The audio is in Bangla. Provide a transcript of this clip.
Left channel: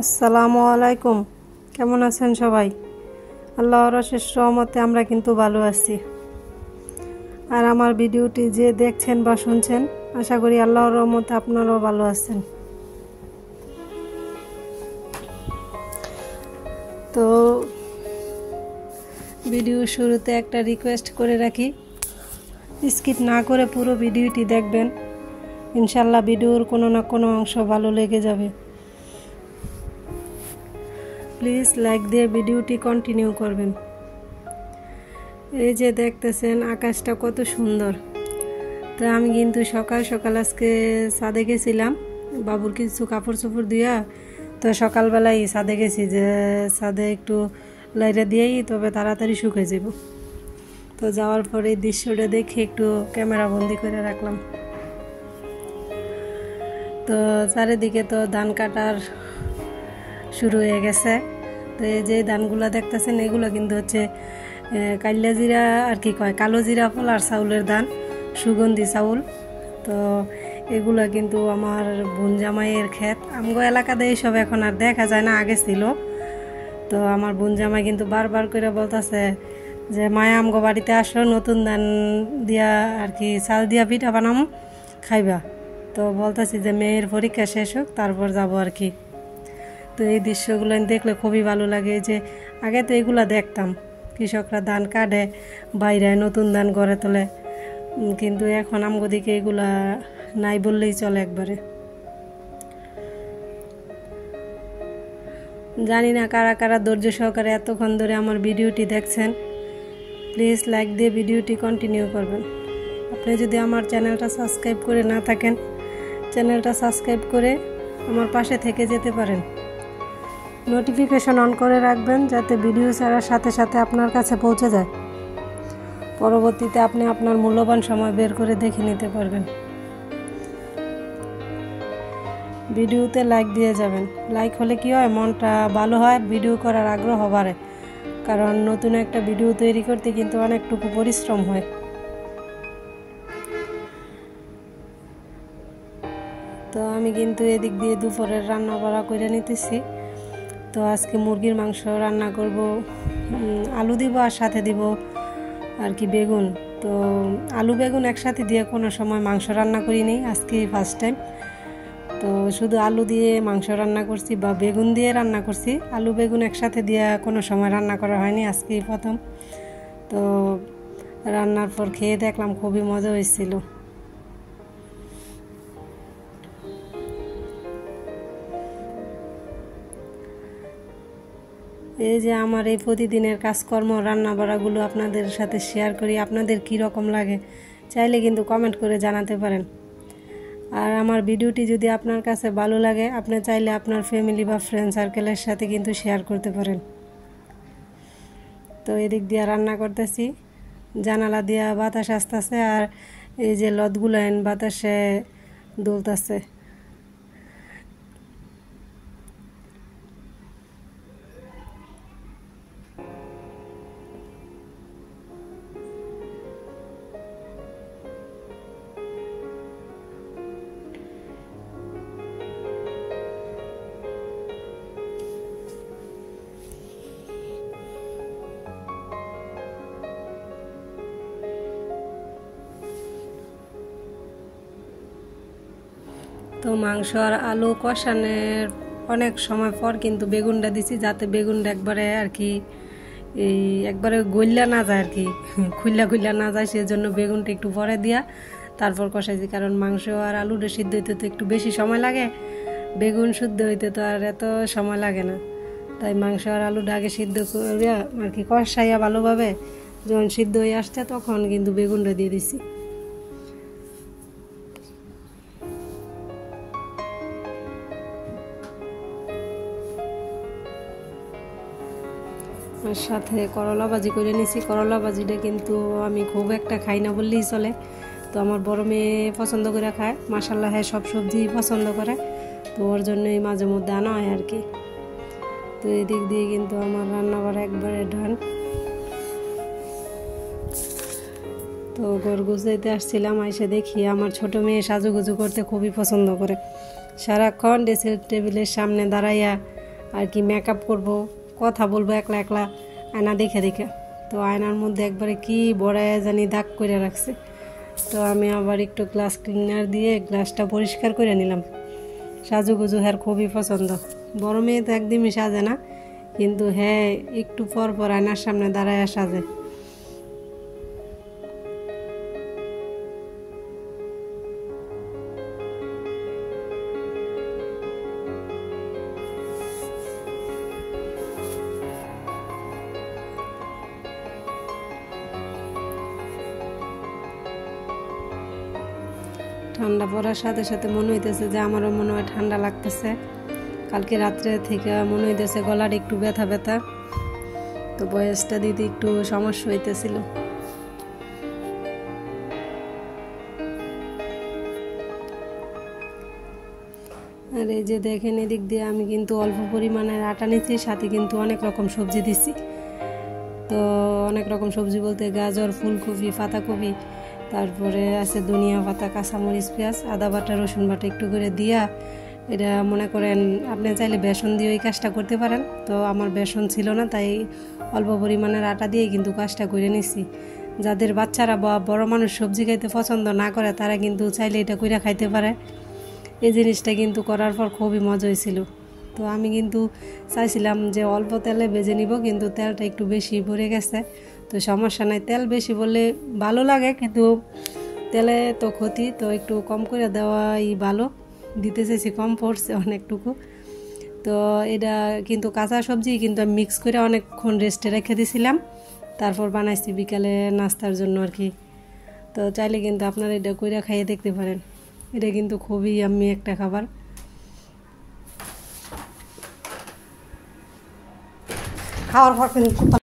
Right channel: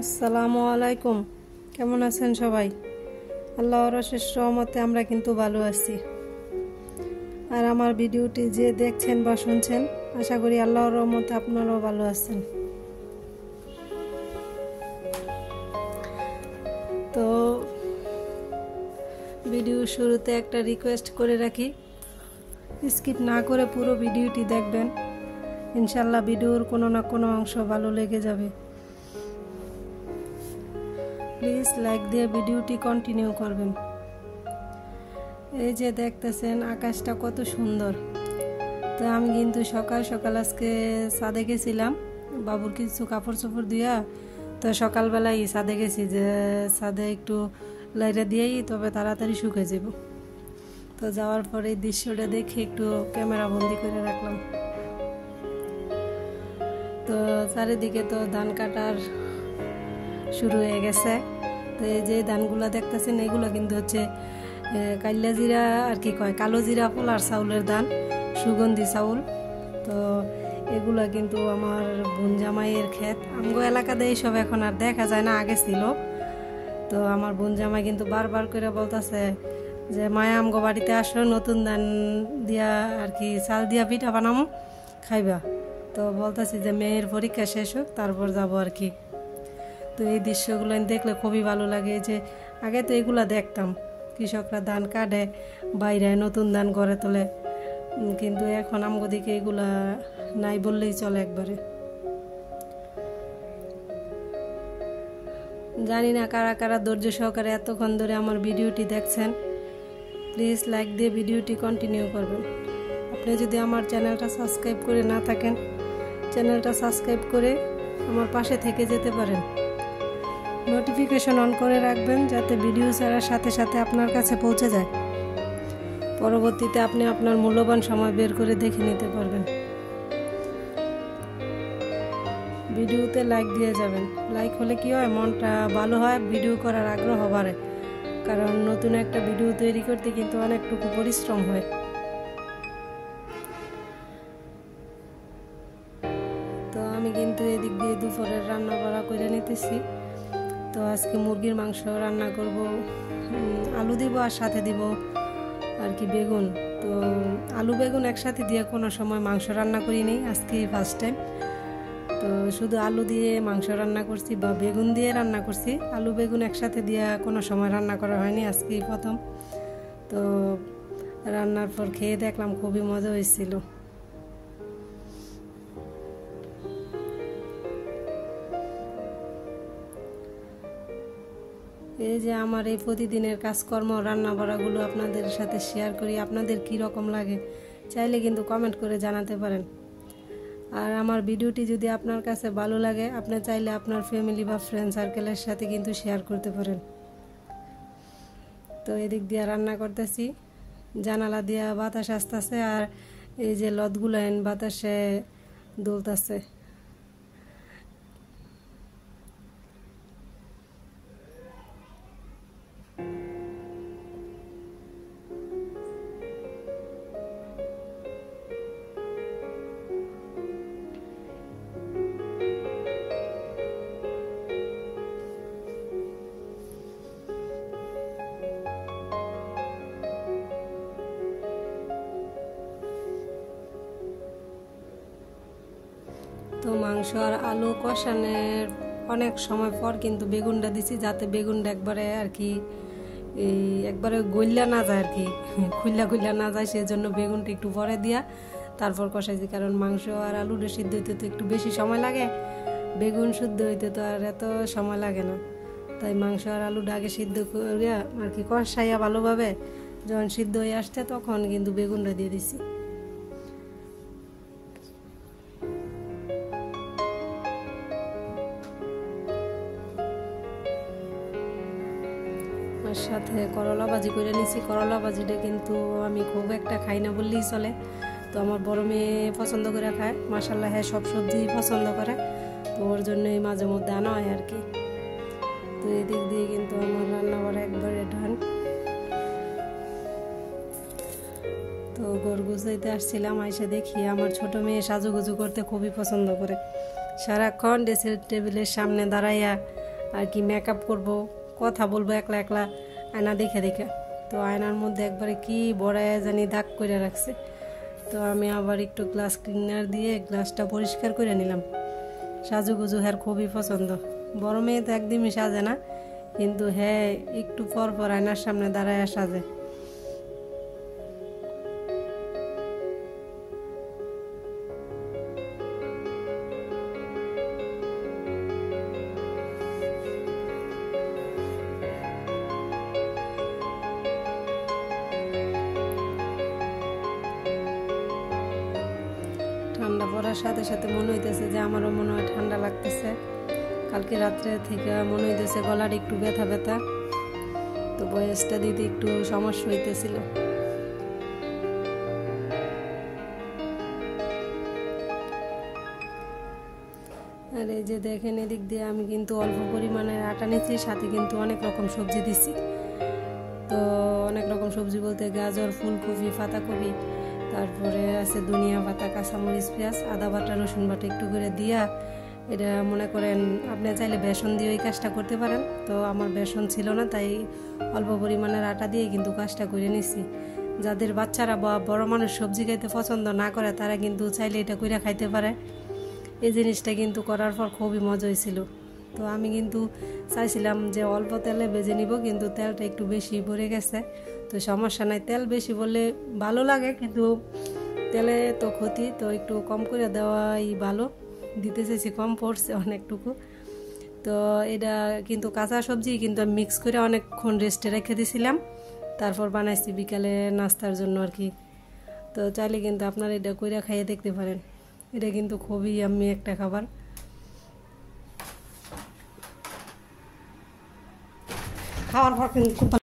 আসসালামু আলাইকুম। কেমন আছেন সবাই? আল্লাহর অশেষ রহমতে আমরা কিন্তু ভালো আছি। আর আমার ভিডিওটি যে দেখছেন বা শুনছেন, আশা করি আল্লাহর রহমতে আপনারাও ভালো আছেন। তো ভিডিও শুরুতে একটা রিকোয়েস্ট করে রাখি, স্কিপ না করে পুরো ভিডিওটি দেখবেন। ইনশাল্লাহ ভিডিওর কোনো না কোনো অংশ ভালো লেগে যাবে। প্লিজ লাইক দিয়ে ভিডিওটি কন্টিনিউ করবেন। এই যে দেখতেছেন আকাশটা কত সুন্দর। তো আমি কিন্তু সকাল সকাল আজকে ছাদে গেছিলাম, বাবুর কিছু কাপড় চোপড় দিয়া। তো সকালবেলায় ছাদে গেছি, যে ছাদে একটু লাইটা দিয়েই তবে তাড়াতাড়ি শুকিয়ে যাব। তো যাওয়ার পরে এই দৃশ্যটা দেখে একটু ক্যামেরা বন্দি করে রাখলাম। তো চারিদিকে তো ধান কাটার শুরু হয়ে গেছে। তো এই যে ধানগুলো দেখতেছেন, এগুলো কিন্তু হচ্ছে কাইলা জিরা আর কি কয়, কালো জিরা পোলার চাউলের ধান, সুগন্ধি চাউল। তো এগুলো কিন্তু আমার বোন জামাইয়ের ক্ষেত। আমগো এলাকাতে এইসব এখন আর দেখা যায় না, আগে ছিল। তো আমার বোন জামাই কিন্তু বারবার করে বলতেছে যে মায়া আমগো বাড়িতে আসো, নতুন ধান দিয়া আর কি চাল দিয়া পিঠা বানামো, খাইবা। তো বলতেছি যে মেয়ের পরীক্ষা শেষ হোক, তারপর যাবো আর কি। তো এই দৃশ্যগুলো দেখলে খুবই ভালো লাগে। যে আগে তো এগুলো দেখতাম, কৃষকরা ধান কাটে, বাইরে নতুন ধান গড়ে তোলে, কিন্তু এখন আমগো দিকে এগুলা নাই বললেই চলে একবারে। জানি না কারা কারা ধৈর্য সহকারে এতক্ষণ ধরে আমার ভিডিওটি দেখছেন। প্লিজ লাইক দিয়ে ভিডিওটি কন্টিনিউ করবেন। আপনি যদি আমার চ্যানেলটা সাবস্ক্রাইব করে না থাকেন, চ্যানেলটা সাবস্ক্রাইব করে আমার পাশে থেকে যেতে পারেন। নোটিফিকেশন অন করে রাখবেন, যাতে ভিডিও ছাড়ার সাথে সাথে আপনার কাছে পৌঁছে যায়। পরবর্তীতে আপনি আপনার মূল্যবান সময় বের করে দেখে নিতে পারবেন। ভিডিওতে লাইক দিয়ে যাবেন। লাইক হলে কি হয়, মনটা ভালো হয়, ভিডিও করার আগ্রহ বাড়ে। কারণ নতুন একটা ভিডিও তৈরি করতে কিন্তু অনেকটুকু পরিশ্রম হয়। তো আমি কিন্তু এদিক দিয়ে দুপুরের রান্না বাড়া করে নিতেছি। তো আজকে মুরগির মাংস রান্না করব, আলু দিব আর সাথে দিব আর কি বেগুন। তো আলু বেগুন একসাথে দিয়ে কোনো সময় মাংস রান্না করিনি, আজকে ফার্স্ট টাইম। তো শুধু আলু দিয়ে মাংস রান্না করছি বা বেগুন দিয়ে রান্না করছি, আলু বেগুন একসাথে দিয়ে কোনো সময় রান্না করা হয়নি, আজকেই প্রথম। তো রান্নার পর খেয়ে দেখলাম খুবই মজা হয়েছিল। এই যে আমার এই প্রতিদিনের কাজকর্ম, রান্না বাড়াগুলো আপনাদের সাথে শেয়ার করি। আপনাদের কি রকম লাগে চাইলে কিন্তু কমেন্ট করে জানাতে পারেন। আর আমার ভিডিওটি যদি আপনার কাছে ভালো লাগে, আপনি চাইলে আপনার ফ্যামিলি বা ফ্রেন্ড সার্কেলের সাথে কিন্তু শেয়ার করতে পারেন। তো এদিক দিয়ে রান্না করতেছি, জানালা দিয়া বাতাস আসতেছে, আর এই যে লতগুলো বাতাসে দুলতেছে। তো মাংস আর আলু কষানোর অনেক সময় পর কিন্তু বেগুনটা দিছি, যাতে বেগুনটা একবারে আর কি এই একবারে গইলা না যায় আর কি, খুইলা না যায়, সেজন্য বেগুনটা একটু পরে দিয়া তারপর কষাইছি। কারণ মাংস আর আলুটা সিদ্ধ হইতে তো একটু বেশি সময় লাগে, বেগুন সিদ্ধ হইতে তো আর এত সময় লাগে না। তাই মাংস আর আলুটা আগে সিদ্ধ করিয়া আর কি কষাইয়া ভালোভাবে যখন সিদ্ধ হয়ে আসছে, তখন কিন্তু বেগুনটা দিয়ে দিছি। আর সাথে করলা ভাজি করে নিয়েছি। করলা ভাজিটা কিন্তু আমি খুব একটা খাই না বললেই চলে। তো আমার বড় মেয়ে পছন্দ করে খায়, মাশাআল্লাহ, হ্যাঁ, সব সবজি পছন্দ করে। তো ওর জন্যই মাঝে মধ্যে আনা হয় আর কি। তো এদিক দিয়ে কিন্তু আমার রান্না করা একবারে ডান। তো ঘর গুছাইতে আসছিলাম, আইসা দেখি আমার ছোট মেয়ে সাজুগুজু করতে খুবই পছন্দ করে। সারাক্ষণ ড্রেসিং টেবিলের সামনে দাঁড়াইয়া আর কি মেকআপ করব, কথা বলবো একলা একলা আয়না দেখে দেখে। তো আয়নার মধ্যে একবারে কি বড়ায় জানি দাগ করে রাখছে। তো আমি আবার একটু গ্লাস ক্লিনার দিয়ে গ্লাসটা পরিষ্কার করে নিলাম। সাজুগুজু হ্যার খুবই পছন্দ। বড় মেয়ে তো একদমই সাজে না, কিন্তু হ্যাঁ একটু পর পর আয়নার সামনে দাঁড়ায় সাজে। ঠান্ডা পড়ার সাথে সাথে মনে হইতেছে যে আমারও মনে হয় ঠান্ডা লাগতেছে। কালকে রাত্রে থেকে মনে হইতেছে গলার একটু ব্যথা ব্যথা, তো বয়সটা দিতে একটু সমস্যা হইতেছিল। আর এই যে দেখেন এদিক দিয়ে আমি কিন্তু অল্প পরিমাণের আটা নিচ্ছি, সাথে কিন্তু অনেক রকম সবজি দিচ্ছি। তো অনেক রকম সবজি বলতে গাজর, ফুলকপি, পাতাকপি, তারপরে আছে ধনিয়া পাতা, কাঁচামরিচ, পেঁয়াজ, আদা বাটা, রসুন বাটা একটু করে দিয়া, এটা মনে করেন আপনি চাইলে বেসন দিয়ে ওই কাজটা করতে পারেন। তো আমার বেসন ছিল না, তাই অল্প পরিমাণের আটা দিয়ে কিন্তু কাজটা করে নিছি। যাদের বাচ্চারা বা বড় মানুষ সবজি খাইতে পছন্দ না করে তারা কিন্তু চাইলে এটা কইরা খাইতে পারে। এই জিনিসটা কিন্তু করার পর খুবই মজা হয়েছিল। তো আমি কিন্তু চাইছিলাম যে অল্প তেলে ভেজে নিব, কিন্তু তেলটা একটু বেশি পড়ে গেছে। তো সমস্যা নাই, তেল বেশি বললে ভালো লাগে, কিন্তু তেলে তো ক্ষতি, তো একটু কম করে দেওয়াই ভালো। দিতে চাইছি কম পড়ছে অনেকটুকু। তো এটা কিন্তু কাঁচা সবজি কিন্তু আমি মিক্স করে অনেকক্ষণ রেস্টে রেখে দিয়েছিলাম, তারপর বানাইছি বিকালে নাস্তার জন্য আর কি। তো চাইলে কিন্তু আপনারা এটা কইরা খাইয়ে দেখতে পারেন। এটা কিন্তু খুবই ইয়াম্মি একটা খাবার। খাওয়ার পর কিন্তু